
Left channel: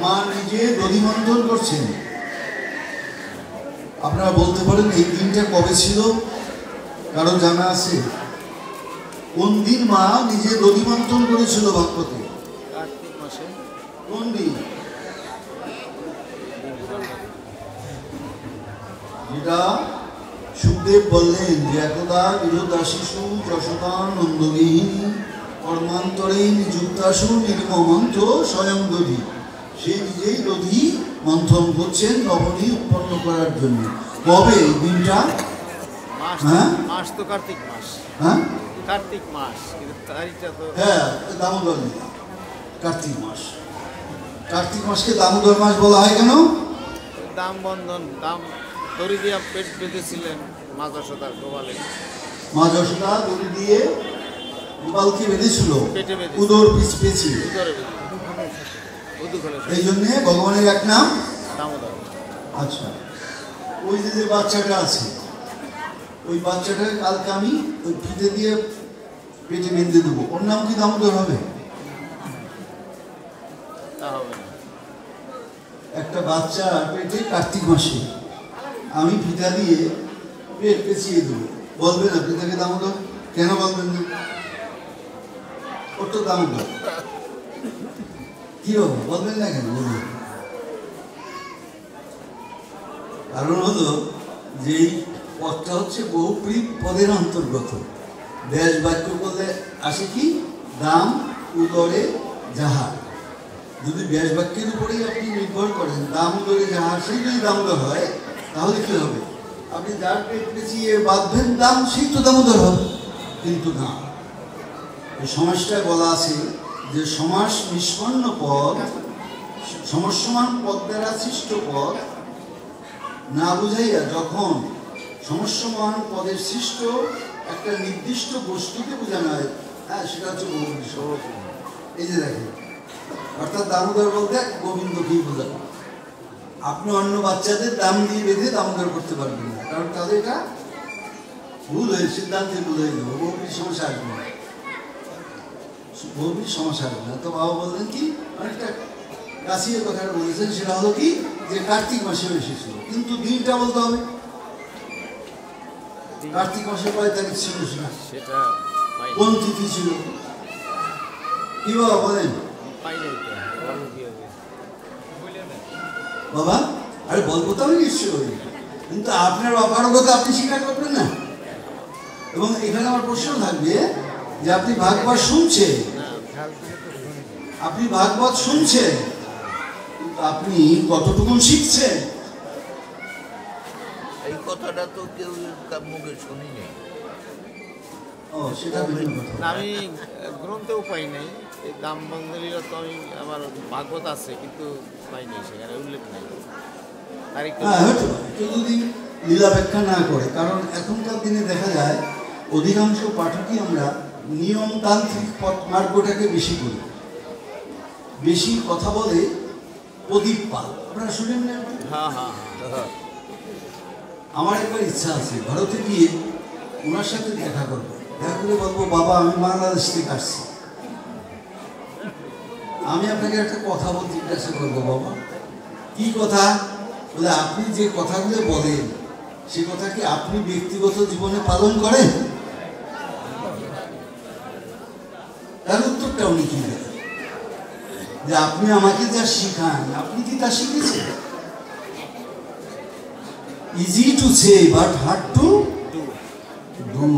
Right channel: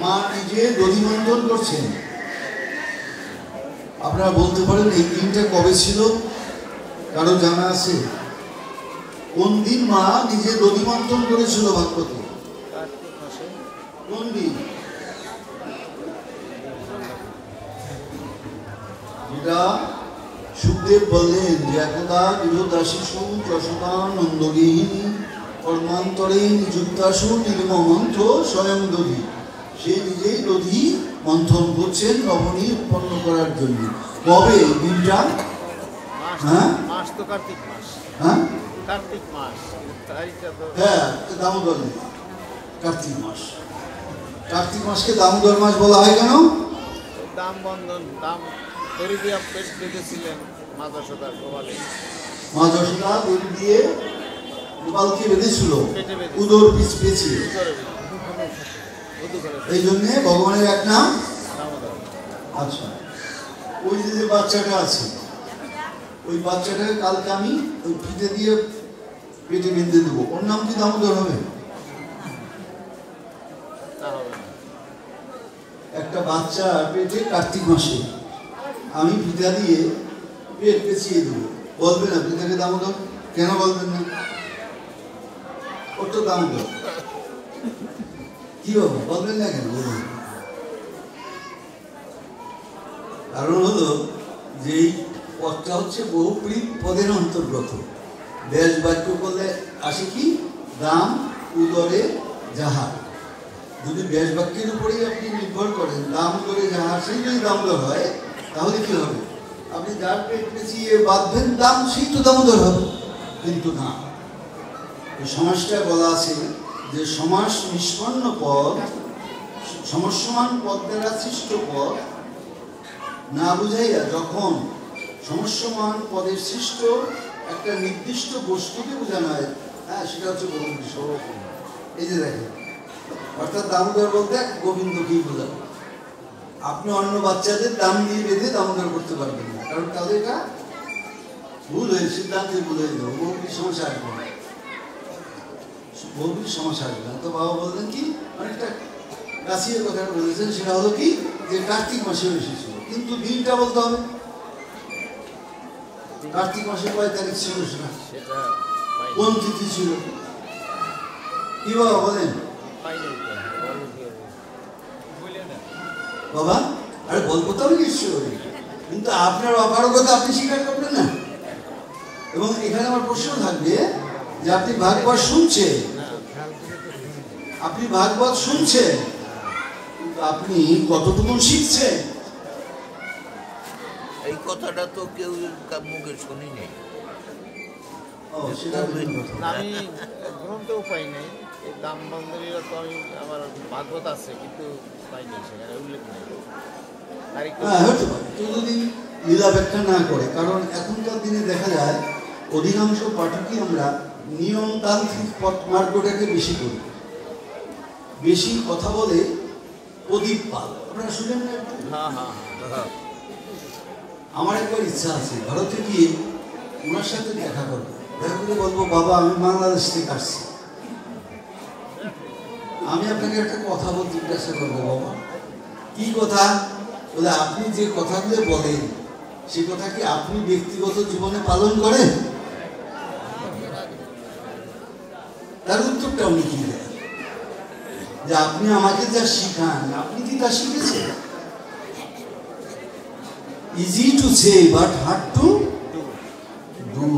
মা নিজে দধি মন্থন করছেন। আপনারা বলতে পারেন এই দিনটা কবে ছিল? কারো জানা আছে? কোন দিন মা নিজে দধি মন্থন করেছিল ভাগবতে? কোন দিন? যেটা সুখদেব বললেন যে একদা গৃহদা শিশু যশোদানন্দগিনী কর্মান্তরে নিযুক্তাশু নির্মমন্থ স্বয়ং দধি। সে নিজেই দধি মন্থন করছেন নবনী উৎপন্ন করার জন্য। কবে দিনটা? হ্যাঁ, মাস তো কার্তিক মাস। হ্যাঁ, কার্তিক মাস। হ্যাঁ, দামোদর কার্তিক মাস। কার্তিক মাসকে দামোদর মাস বলা হয় কেন? দাম বন্ধন, দাম দড়ি দিয়ে পেট বেঁধেছিলেন মা যশোদা গোপালে। মা যশোদা দড়ি দিয়ে গোপালকে বেঁধেছিল উদর পিছ পেঁচিয়ে। এই জন্যে ভগবানের এক নাম দামোদর। আচ্ছা, ওই যে বাচ্চাটা আছে, ওই বাচ্চাটাকে কালকে আমি ওই ফিতে দিয়ে পেটে বেঁধে দেবো, ওর নাম কি দামোদর হবে? একটা বাচ্চা পেটে কার্তিক মাসে আমি ফিতা দিয়ে পেট পেঁচিয়ে দেবো, বলবে না ফিতাকে দামোদর? কেন বলবেন না? ওর তো দামোদর। কি হবে, বলবেন না কেন? বলবেন। কারণ হলো যে এই পদটা হচ্ছে বহুপ্রীত পদের অন্তর্গত। দেশ বাক্য করলে আসে কি? দাম উদরে যাহার। যদি ব্যাস বাক্যের উপরেই আপনি নির্ভর করেন, দাম উদরে যাহার, সেই যদি দামোদর হয়, তাহলে কি হবে? আপনি যার পেট পেঁচিয়ে বাঁধবেন দাম, সেই তো দামোদর হবে। কিন্তু না, এই সমাসটা বলা আছে যে সমাস নিষ্পন্ন পদ, সমসমান পদ দ্বারা সৃষ্ট পদ না বুঝাইয়া যখন সমসমান পদের সৃষ্ট একটা নির্দিষ্ট বস্তুকে বোঝানো হয়, হ্যাঁ, সেটা হচ্ছে বহুব্রীহি। এই যে দেখেন, অর্থাৎ দামোদর বলতে গোবিন্দকেই বোঝাবো। আপনি অন্য বাচ্চাদের দাম দিয়ে বেঁধে দামোদর করতে পারবেন না, কারণ তাদের এটা ভুল হয়ে সিদ্ধান্তে ভুল হয়ে গেল, বহুবিধ সমস্যা আসবে না, বহুবিধ সমস্যা আসবে না। তো বাবা বললেন কি অনেকটা কাছিয়ে কথা বলেছেন, সেটা হলো কি যে কার্তিক মাসে এসেছিল, কিন্তু দিনটা বলতে হবে। কার্তিক মাসে কয় তারিখ ছিল সেটা, কোন তিথি ছিল, কি বাবা বলেন বাবা? আরে বলবো তো আমি নিশ্চয়ই, কিন্তু আপনার অপারগতা আপনি স্বীকার করবেন না। এবং এখানে আমার প্রশ্ন থাকবে যে আপনি ভাগবত শুনছেন, আপনি ভাগবত শুনছেন, কিন্তু আপনি কতটুকু শিখছেন? এই কথাটা তো কেউ তার মুখে শুনি নেই। ও সেটা আমি গ্রন্থেও পাই নাই। এই দাম বন্ধনীরা তো আমি আমার ভাগবত আছে, কিন্তু পাই নাই, সেখানে উল্লেখ নাই। কেউ যদি লীলা ব্যাখ্যা না করে, কারণ এখনকার দিনে দেখা যায় অধিকাংশ পাঠকই আমরা নিয়মতান্ত্রিক মার্গটাকে বেশি করি, বেশি কথা বলে প্রদীপ পাল। আপনারা শুনেন না? হ্যাঁ হ্যাঁ হ্যাঁ। আমার একবার ইচ্ছা আছে ভারতে গিয়ে ওনার সাথে দেখা করবো, দেখা করে বলবো বাবা আমি বাংলাদেশ থেকে আসছি, আমি আপনাকে একটা কথা বলতে জিজ্ঞাসা করবো। বাবা কি কথা? বলে আপনি যে কথাগুলো বলেন সে কথা কি আপনি ব্যক্তিগত জীবনে পালন করেন? তার উত্তরটা উনি কি দেন যে আপনি আমাকে যা শিখান আপনি কি তা শিখেছেন? Easy to say but hard to do.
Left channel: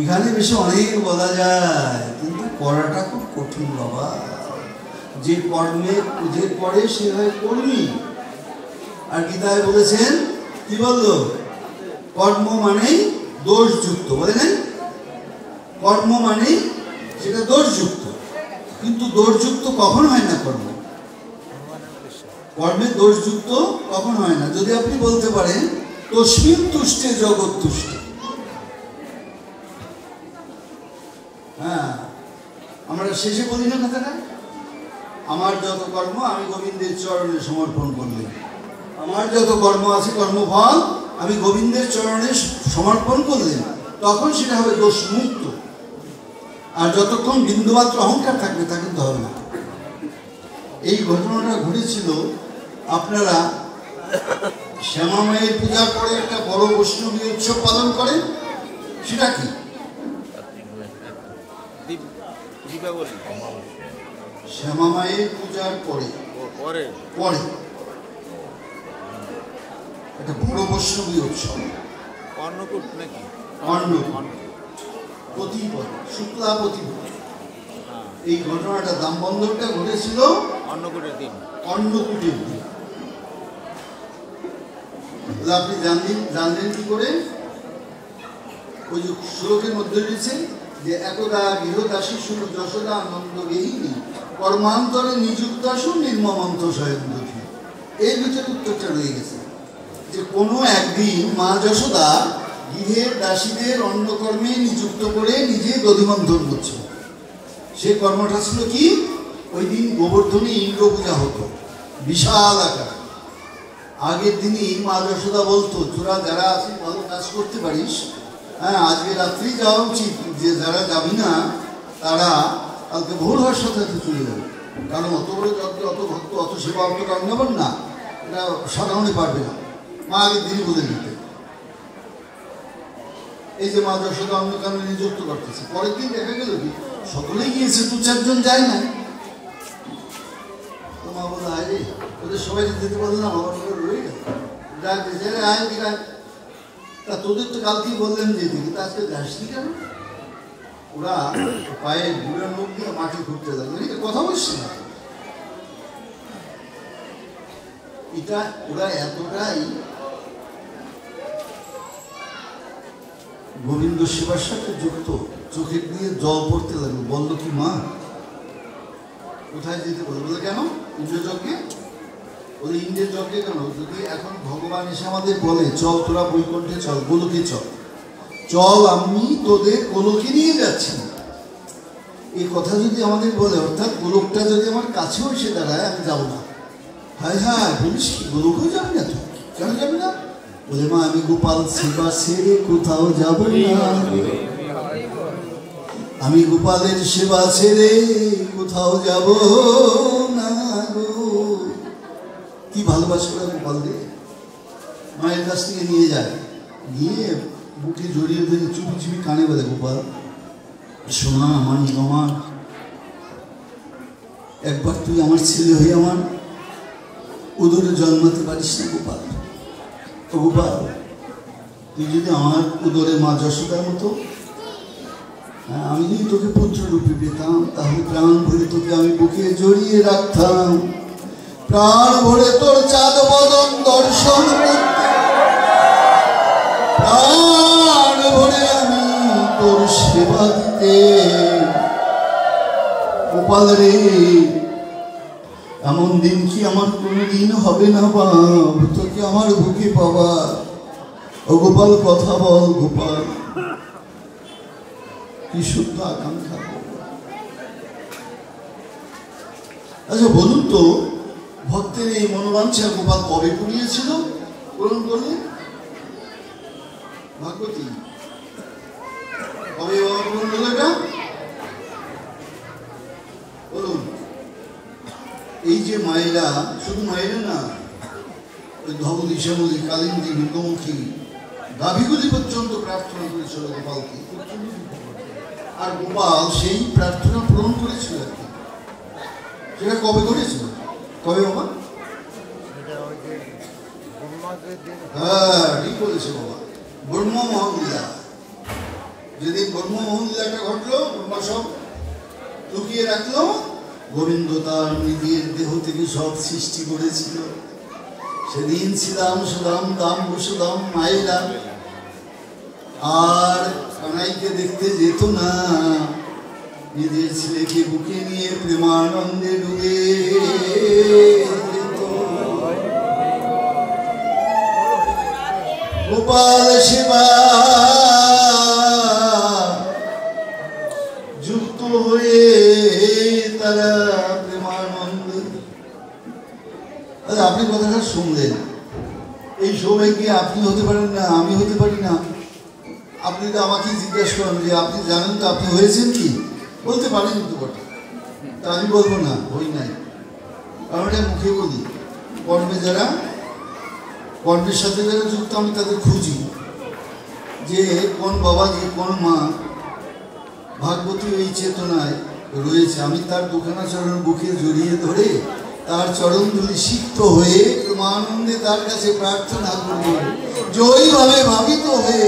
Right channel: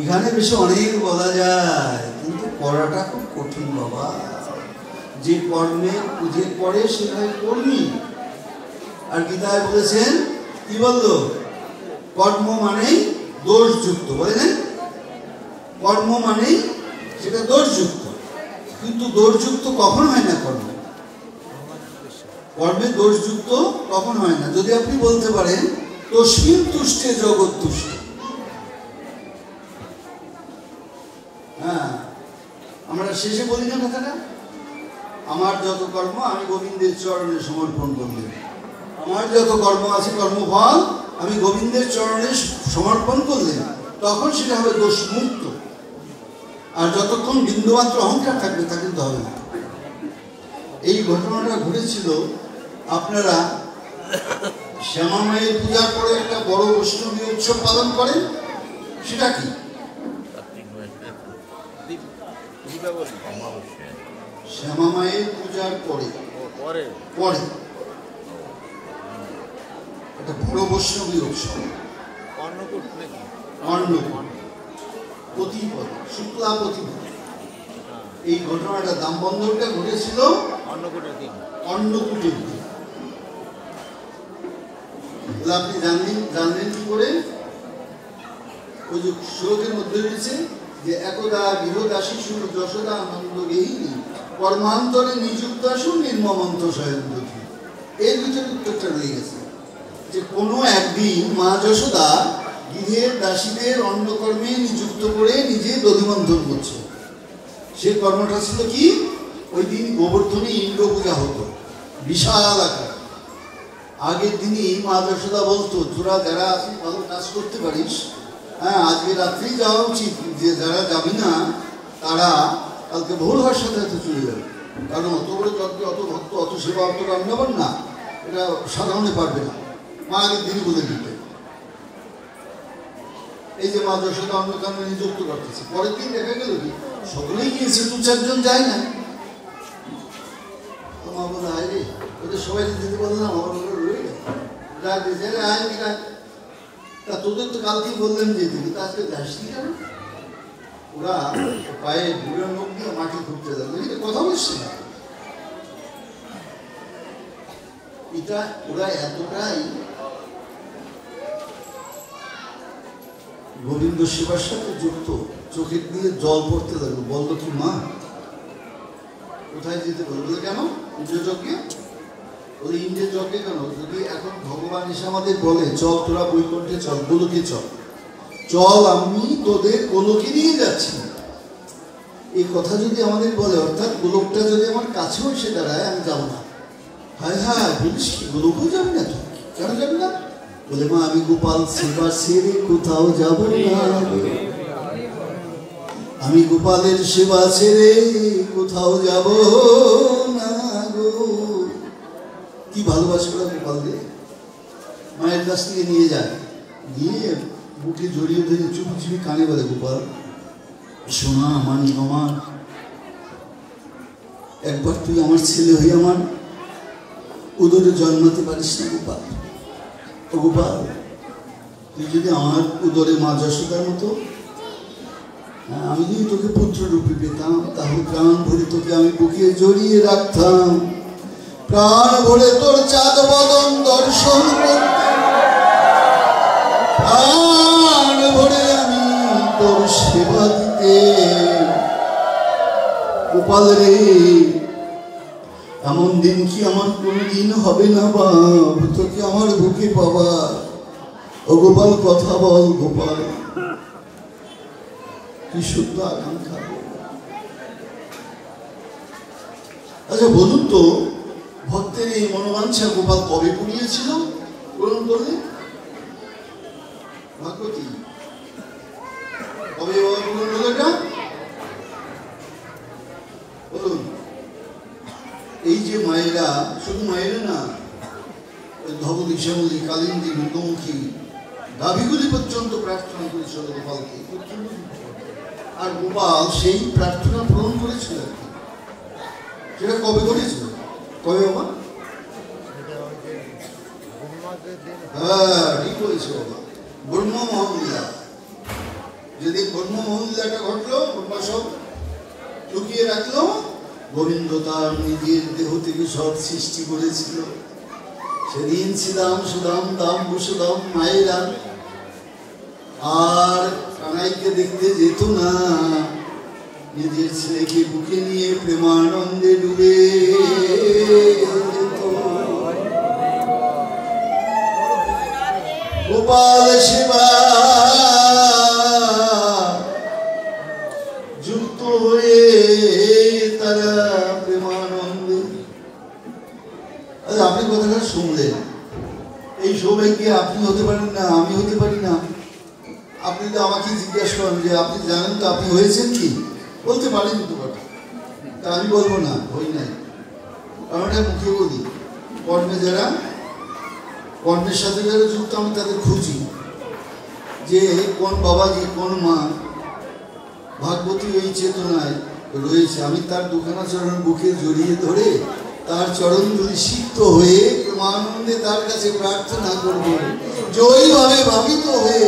এখানে বেশি অনেক বলা যায়, কিন্তু করাটা খুব কঠিন বাবা। যে কর্মে যে করে সে হয় কর্মী। আর গীতায় বলেছেন কি বললো? কর্ম মানেই দোষযুক্ত, বলেন কর্ম মানেই সেটা দোষযুক্ত, কিন্তু দোষযুক্ত কখন হয় না? কর্মে দোষযুক্ত কখন হয় না? যদি আপনি বলতে পারেন তস্মিন তুষ্টে জগৎ তুষ্ট। হ্যাঁ, আমরা শেষে বলি না কথাটা, আমার যত কর্ম আমি গোবিন্দের চরণে সমর্পণ করলাম। আমার যত কর্ম আছে কর্মফল আমি গোবিন্দের চরণে সমর্পণ করলাম, তখন সেটা হবে দোষ মুক্ত। আর যতক্ষণ বিন্দুমাত্র অহংকার থাকবে তা কিন্তু হবে না। এই ঘটনাটা ঘটেছিল, আপনারা শ্যামা মায়ের পূজা করে একটা বড় বৈষ্ণবী উৎসব পালন করেন, সেটা কি? শ্যামা মায়ের পূজার পরে পরে একটা বড় বৈষ্ণবী উৎসব, অন্নকূট নাকি? প্রতিপদ, শুক্লা প্রতিপদ। এই ঘটনাটা দামবন্ধনটা ঘটেছিল অন্নকূটের দিন। অন্নকূটের দিন। আপনি জানলেন কি করে? ওই যে শ্লোকের মধ্যে রয়েছে যে একদা গৃহদাসী শুরু যশোদা নন্দ গেহিনী কর্মান্তরে নিযুক্ত আসুন নির্মমন্ত স্বয়ংদী। এর ভিতরে উত্তরটা রয়ে গেছে যে কোনো একদিন মা যশোদা গৃহের দাসীদের অন্নকর্মে নিযুক্ত করে নিজে দধিমন্থন করছে। সে কর্মটা ছিল কি? ওই দিন গোবর্ধনী ইন্দ্র পূজা হতো বিশাল আকার। আগের দিনই মা যশোদা বলতো তোরা যারা আছিস ভালো কাজ করতে পারিস, হ্যাঁ আজকে রাত্রেই যাওয়া উচিত, যে যারা যাবি না তারা কালকে ভোর হওয়ার সাথে সাথে চলে যাবে, কারণ অত বড় যজ্ঞ, অত ভক্ত, অত সেবা আপনারা অন্নবেন না, এটা সাধারণে পারবে না। মা আগের দিনই বলে দিতে। এই যে মা যশোদা অন্নকামে নিযুক্ত করতেছে, পরের দিন দেখা গেল কি সকলেই গিয়েছে, দু চারজন যায় না। মা বলে আয় রে, ওদের সবাই দিতে পারলো না, আমার মনে রয়ে গেল, ডাক দিয়েছে আরে আয় দিকা, তা তোদের তো কালকেই বললেন যে দিকে, তা আজকে যাসনি কেন? ওরা পায়ে বুড়ো মুখ দিয়ে মাটি খুঁড়তে যাবে, এটা কথা বলছে না। এটা ওরা এতটাই গোবিন্দ সেবার সাথে যুক্ত, চোখের দিয়ে জল পড়তে লাগলো। বললো কি মা কোথায় যেতে বললো? বলে কেন? ইন্দ্রযজ্ঞে। বলে ইন্দ্রের যজ্ঞে কেন? যদি এখন ভগবান এসে আমাদের বলে চল তোরা বৈকুণ্ঠে চল, গোলকে চল, চল আমি তোদের গোলকে নিয়ে যাচ্ছি, এই কথা যদি আমাদের বলে, অর্থাৎ গোলকটা যদি আমার কাছেও এসে দাঁড়ায়, আমি যাবো না। হ্যাঁ হ্যাঁ বলিস কি, গোলকও যাবি না তুই? কেন যাবি না? বলে মা আমি গোপাল সেবা সেরে কোথাও যাব না, আমি গোপালের সেবা ছেড়ে কোথাও যাব না গো। কি ভালোবাসলো গোপাল দিয়ে। মায়ের কাছ থেকে নিয়ে যায়, গিয়ে বুকে জড়িয়ে ধরে চুপি চুপি কানে বলে, গোপাল সোনা আমার মামা, একবার তুই আমার ছেলে হয়ে আমার উদরে জন্মাতে পারিস না গোপাল। ও গোপাল, তুই যদি আমার উদরে মা যশোদার মতো, আমি যদি তোকে পুত্র রূপে পেতাম, তাহলে প্রাণ ভরে তোকে আমি বুকে জড়িয়ে রাখতাম, প্রাণ ভরে তোর চাঁদ বদন দর্শন করতাম, প্রাণ ভরে আমি তোর সেবা দিতে। গোপাল রে, এমন দিন কি আমার কোনদিন হবে না বাপ, তোকে আমার বুকে পাবা। ও গোপাল কথা বল গোপাল, কি শুদ্ধ আকাঙ্ক্ষা। আচ্ছা বলুন তো, ভক্তের এই মনোবাঞ্ছা গোপাল কবে পুড়িয়েছিল বলুন বললে? ভাগবতী কবে বাবা বলুন বলে না বলুন। এই যে মায়েরা, শুধু মায়েরা না, ভগবতী শ্যামলী কালিন্দী মুখোমুখী গাভীগুলি পর্যন্ত প্রার্থনা করেছিল গোপালকে, আর গোপাল সেই প্রার্থনা পূরণ করেছিল। সেটা কবে করেছিল? কবে বাবা? হ্যাঁ ঠিক বলেছে বাবা, ব্রহ্ম মহামূল্যা। যেদিন ব্রহ্ম মহামূল্যাটা ঘটলো, ব্রহ্মা সব লুকিয়ে রাখলো, গোবিন্দ তার নিজের দেহ থেকে সব সৃষ্টি করেছিল। সেদিন ছিলাম সুদাম দাম বসুদাম মায়েরা আর কানাইকে দেখতে যেত না, নিজের ছেলেকে বুকে নিয়ে প্রেমানন্দে ডুবে গোপাল সেবা যুক্ত হয়ে তারা প্রেমানন্দে। আপনি কথাটা শুনলেন, এই সৌভাগ্যে আপনি হতে পারেন না, আমি হতে পারি না। আপনি তো আমাকে জিজ্ঞাসা করেন যে আপনি জানেন তো আপনি হয়েছেন কি, বলতে পারেন তো বটে, তা আমি বলবো না হই নাই। আমি এটা মুখে বলি, কর্মে যারা, কর্মের সাথে যারা যুক্ত, আমি তাদের খুঁজি যে কোন বাবাজি কোন মা ভাগবতী এই চেতনায় রয়েছে। আমি তার দুখানা চরণ বুকে জড়িয়ে ধরে তার চরণ ধরে সিক্ত হয়ে প্রেমানন্দে তার কাছে প্রার্থনা করব, জয়ীভাবে ভাবিত হয়ে